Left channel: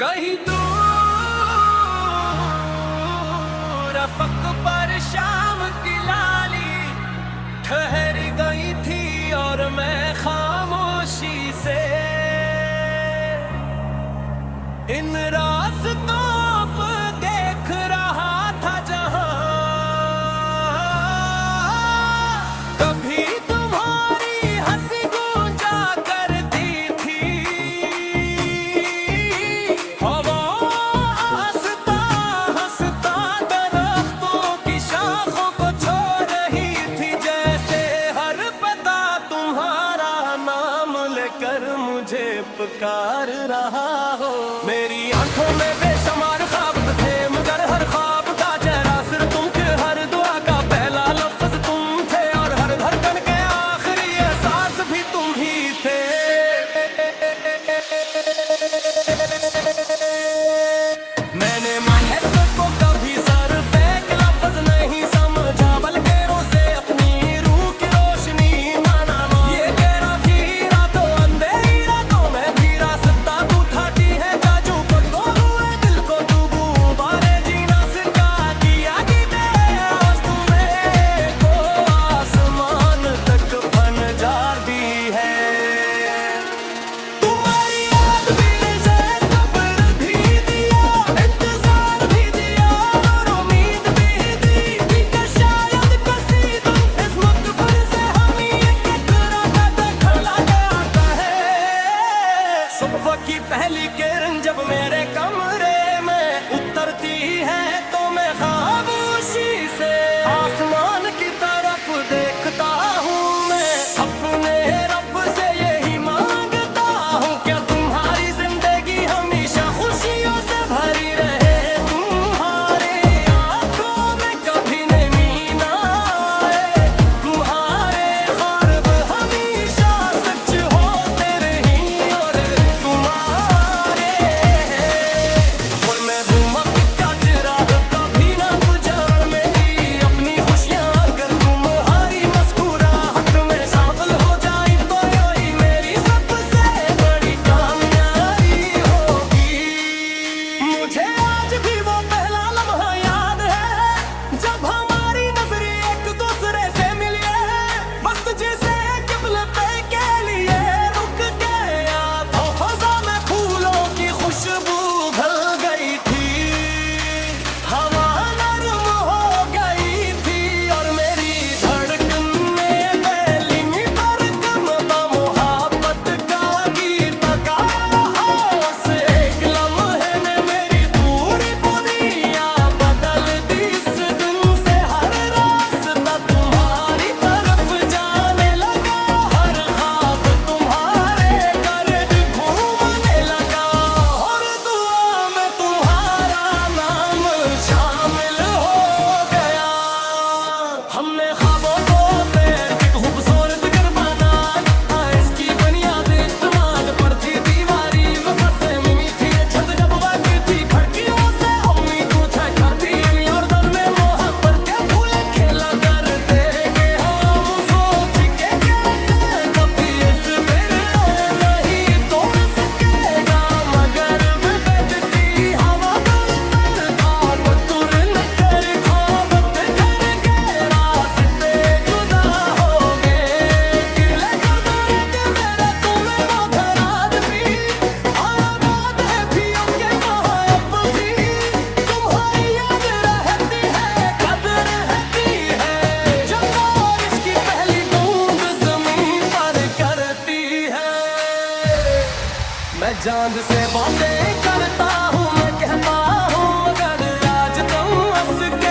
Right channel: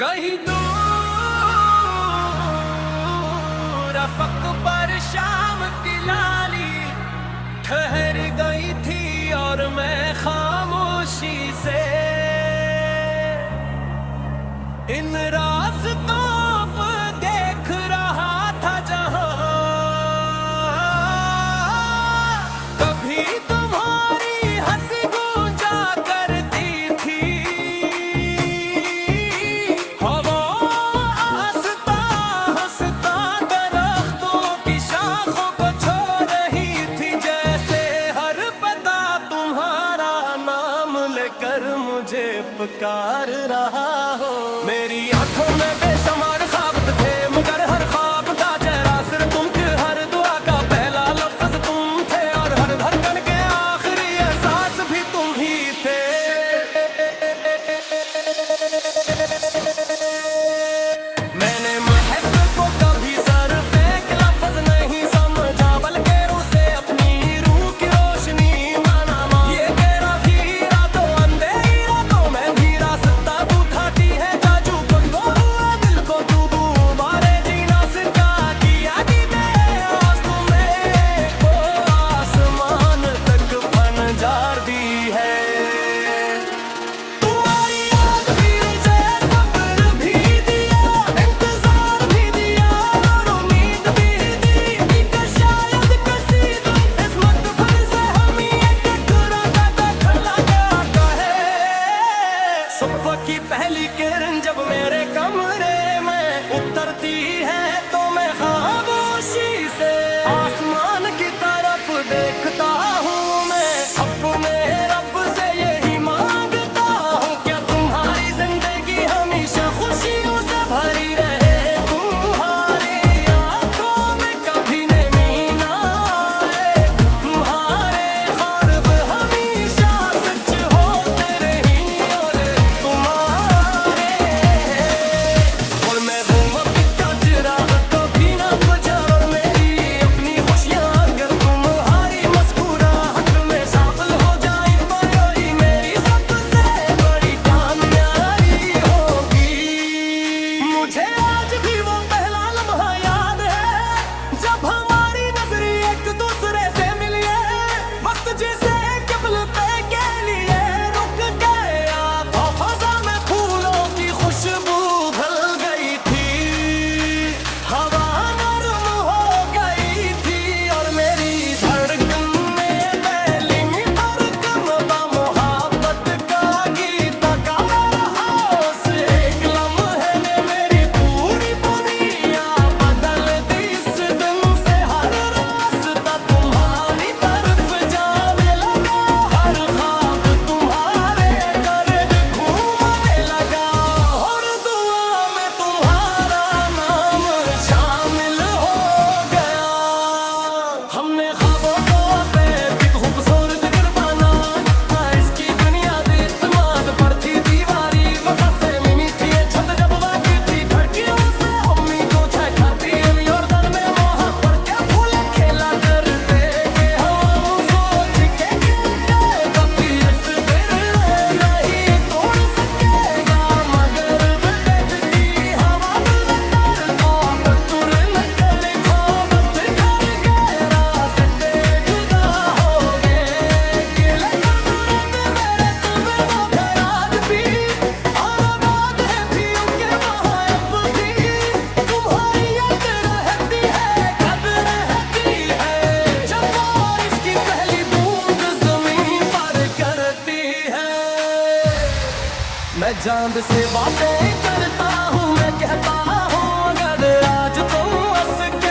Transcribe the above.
कहीं दूर अफक पर शाम की लाली ठहर गई थी और मैं खामोशी से इन रास्तों पर देख रहा था जहां कभी तुम्हारी हंसी गूंजा करती थी। हवा हंसता हंसता दरख्तों की शाखों को छू रही थी, जैसे हर पता तुम्हारा नाम लेकर मुझे पुकार रहा हो। मेरी आंखों में बेशुमार ख्वाब थे, मगर हर ख्वाब का चेहरा सिर्फ तुम थे। हर दुआ का पहला लफ्ज तुम थे और हर धड़कन के आखिरी एहसास भी तुम ही थे। मैंने महक को कभी सर फेंक लफ्ज नहीं समझा, बल्कि उसे अपनी रूह की रोशनी माना। ये तेरा भी रातों अंधेरी रातों में भी रास्ता तू थाती है जाजू को तो हुए दिल को तू बारे जीना सिखा दिया कि आस तुम्हें को आसमान तक फनजार दी है। तुम्हारी याद भी मुझे सब्र भी दिया, इंतजार भी दिया और उम्मीद भी दी कि शायद किसी दिन किस्मत फिर से हम ये टकराता देखला क्या कहे। सुबह की पहली किरण जब मेरे कमरे में उतरती है तो मैं खामोशी से आसमान की तरफ देखता हूँ। मैं अपने रब से यही मांगता हूँ, क्या तुम्हारी जिंदगी हमेशा खुशियों से भरी रहे। तुम्हारे आंखों में कभी नमी ना आए, तुम्हारे ख्वाब हमेशा सच होते रही और तुम्हारे। और मैं हूँ वक्त का चिराग कभी ना बुझा, और मेरी अपनी खुशियाँ अगर तुम्हारी मुस्कुराहट में शामिल हो जाए तो यही मेरी सबसे बड़ी कामयाबी होगी। मुझे आज भी वो पहला लम्हा याद है जब हमारी नजरें एक दूसरे से मिली है। वक्त जैसे कबल पे के लिए रुक गया था, फजा में फूलों की खुशबू घुल गई थी। हवा नरम हो गई थी और मेरी धड़कनें पहली पर कम मोहब्बत का गीत गा रहा। उस एक लम्हे ने मेरी पूरी दुनिया बदल दी। इस दिन से हर रास्ता तुम्हारी तरफ जाने लगा, हर ख्वाब तुम्हारे गर्द घूमने लगा और दुआ में तुम्हारा नाम शामिल हो गया। हमने ख्वाबों को पैर की खूबसूरत घर बनाया, इसकी बुनियाद इत्मीनान पर थी। दीवारी वफा से मिमी थी, ये छत जब बाकी थी खिड़कियों से उम्मीदों छाती और दर में मोहब्बत के फूल खेला करते कि हम सोच के कभी इस बिरले नहीं तोड़ सकेगा। मगर बदत की हवा बदतर आप तुर न कर ख्वाबत कर गए, रास्ते जुदा हो गए। गिले कर दूरत मेरे तुम्हें वो घर आज भी आबाद है भी उनके वहाँ अब भी। तुम्हारी याद रहती है कद रहती है जब बारिश की पहली बूंद जमीन पर करती है। मैं चांद से बातें करता हूँ, मैं कहता हूँ अगर आज तुम हंस के